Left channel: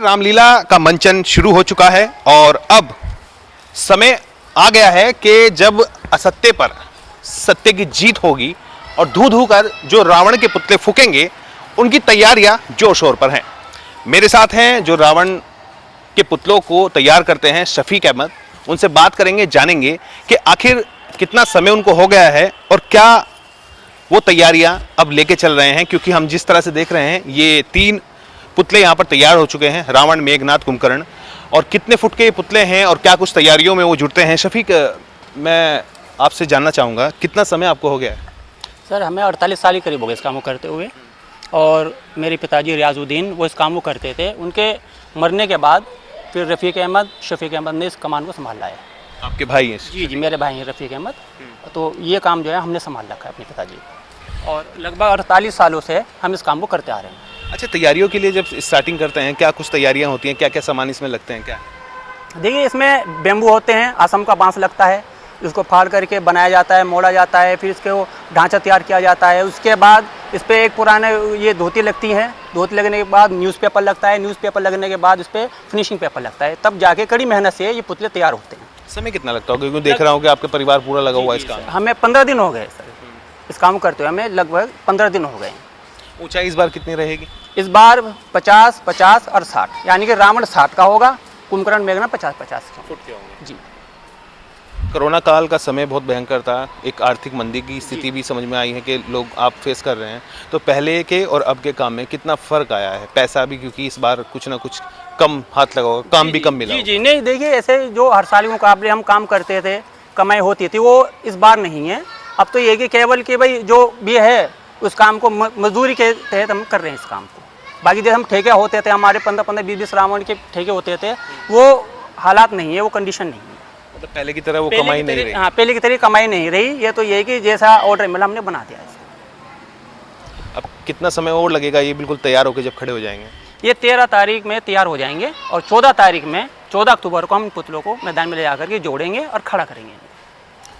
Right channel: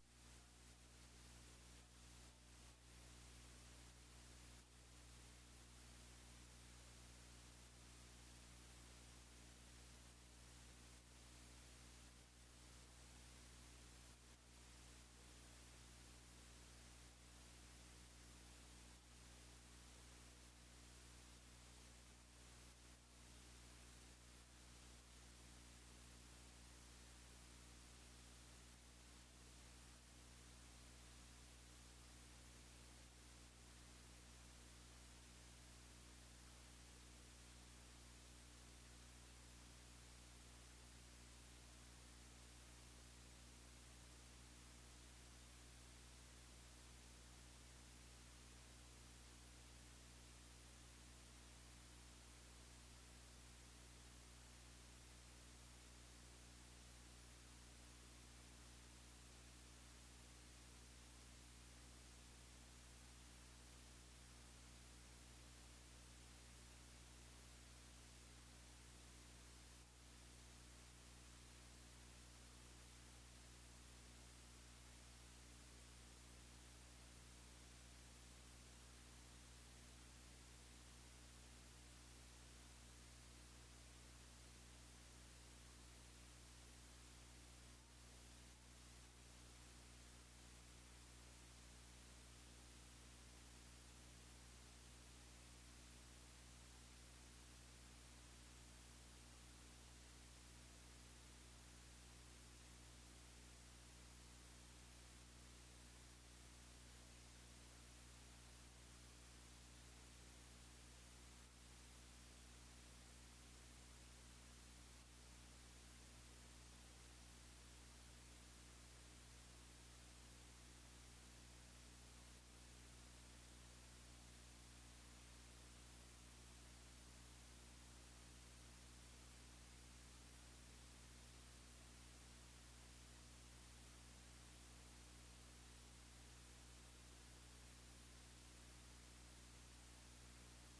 रामलीला का मंचन शुरू हो चुका है और अब समय आ गया है कि जब असत्य पर सत्य की जीत होगी और धू धू कर जो रावण के पुतले फूकेंगे उनकी तैयारियां जोर शोर पर हैं। मेरे साथ हैं जो रावण के पुतलों को तैयार करते हैं, शफीक अहमद। उनसे बात करेंगे, जानेंगे कि आखिर कितना समय उनको हो गया है और क्या वो तैयारियां अब लेके चल रहे हैं, क्योंकि हम जिस तरह से देख रहे हैं ये 3 पुतले यहाँ पर तैयार हो चुके हैं, रावण, मेघनाथ, कुंभकर्ण। और कितने फुट के ये पुतले हैं और क्या कुछ तैयारियों में वो जुड़ते हैं। शफीक, मैं आपसे जानना चाहूँगा कितना समय आपको हो गया है? सर हमें 48 साल के करीब हो गए इस काम को करते हुए। और मेरे पिताजी रियाजुद्दीन वो इस काम को करते थे। उनके मरने के बाद फिर शफीक अहमद ने इस कमान को संभाल लाया। आपके भाई हैं? जी, मेरे भाई हैं रफ़ीक अहमद। तो ये काम जो है हमने संभाल रखा है अपने पिताजी को, और लगभग 48 सालों से हम इस काम को करते आ रहे हैं। अच्छा, तैयारियों के लिए जब स्टार्टिंग करते हैं क्या कुछ तैयारियां होती हैं, क्या क्या सामान इसमें लगते हैं? क्या देखिए, इसमें बेम्बू होते हैं, असम का बांस लगता है, इसको फाड़ करके बनाया जाता है, मोड़ा जाता है, फिर इसके वो ढांचा तैयार किया जाता है। उसके बाद इस पर एक पुराने ये धोती लगती है, धोती लगने के बाद न्यूज़पेपर लगता है, न्यूज़पेपर लगने के बाद इस पर फिनिशिंग पेपर लगता है, तब जाके कड़ी मेहनत से ये पुतले तैयार होते हैं। समय कितना लगता होगा, क्योंकि देख रहा हूँ कि आपके परिवार पूरा लगा हुआ है इस काम? हमें 15 दिन हो गए सर इस काम करते हुए, हमें लगभग 15 दिन हो गए। ऊंचाई इस बार कितनी रहेगी? इस बार 50, 50 और 60, यानी कि रावण 60 का होगा, कुंभकर्ण मेघनाथ 50-50 फुट के होंगे। जी। कोरोना काल का समय बहुत भयंकर था, एक आर्थिक मंदी की स्थिति भी समझ में आई है कि लोग आप फेस कर रहे हैं, तो पहले के और अब के काम में कितना फ़र्क आया है? पैसा भी, क्योंकि इस बार कुछ ना कुछ कम हाथ लगा होगा, काम भी कम मिला जी। नहीं, देखिए, ऐसे जो हर साल के मुकाबले हम काम करते थे, कमाई होती थी, वो इस बार नहीं है। अब तो ये कि केवल कि भाई जो भी है उस काम को मजदूरी के तहत हम कर रहे हैं इस काम को। बाकी जैसे हम ठेके होते थे, हमारे 15-15, 20-20 रावण के ठेके होते थे, वो हालात नहीं है, वो कंडीशन नहीं है। मतलब पहले की तरह वो कमाई नहीं रही? हाँ, पहले की तरह कमाई नहीं रही। ये तो ये कि जैसा ऑर्डर मिला हमने बना दिया इसे। अब कितना समय और लगेगा ये बिल्कुल तैयार होकर जब खड़े हो जाएंगे? ये 13 तारीख में तैयार हो जाएंगे और 14 तारीख में 14 अक्टूबर को हम पुतलों को मैदान में ले जाकर के जोड़ेंगे और खड़ा करेंगे,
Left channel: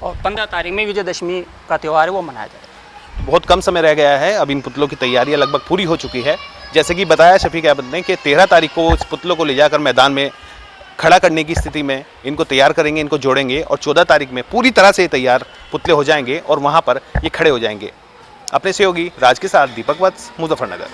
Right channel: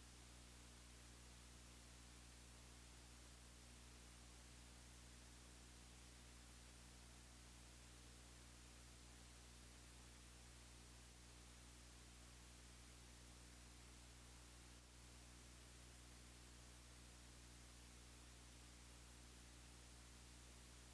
और 15 तारीख में विजयदशमी का त्यौहार है वो मनाया जाएगा। बहुत कम समय रह गया है, अब इन पुतलों की तैयारियां लगभग पूरी हो चुकी है। जैसे कि बताया शफीक अहमद ने कि 13 तारीख को इस पुतलों को ले जाकर मैदान में खड़ा करने की स्थिति में इनको तैयार करेंगे, इनको जोड़ेंगे, और 14 तारीख में पूरी तरह से तैयार पुतले हो जाएंगे और वहाँ पर ये खड़े हो जाएंगे। अपने सहयोगी राज के साथ दीपक वत्स, मुजफ्फरनगर।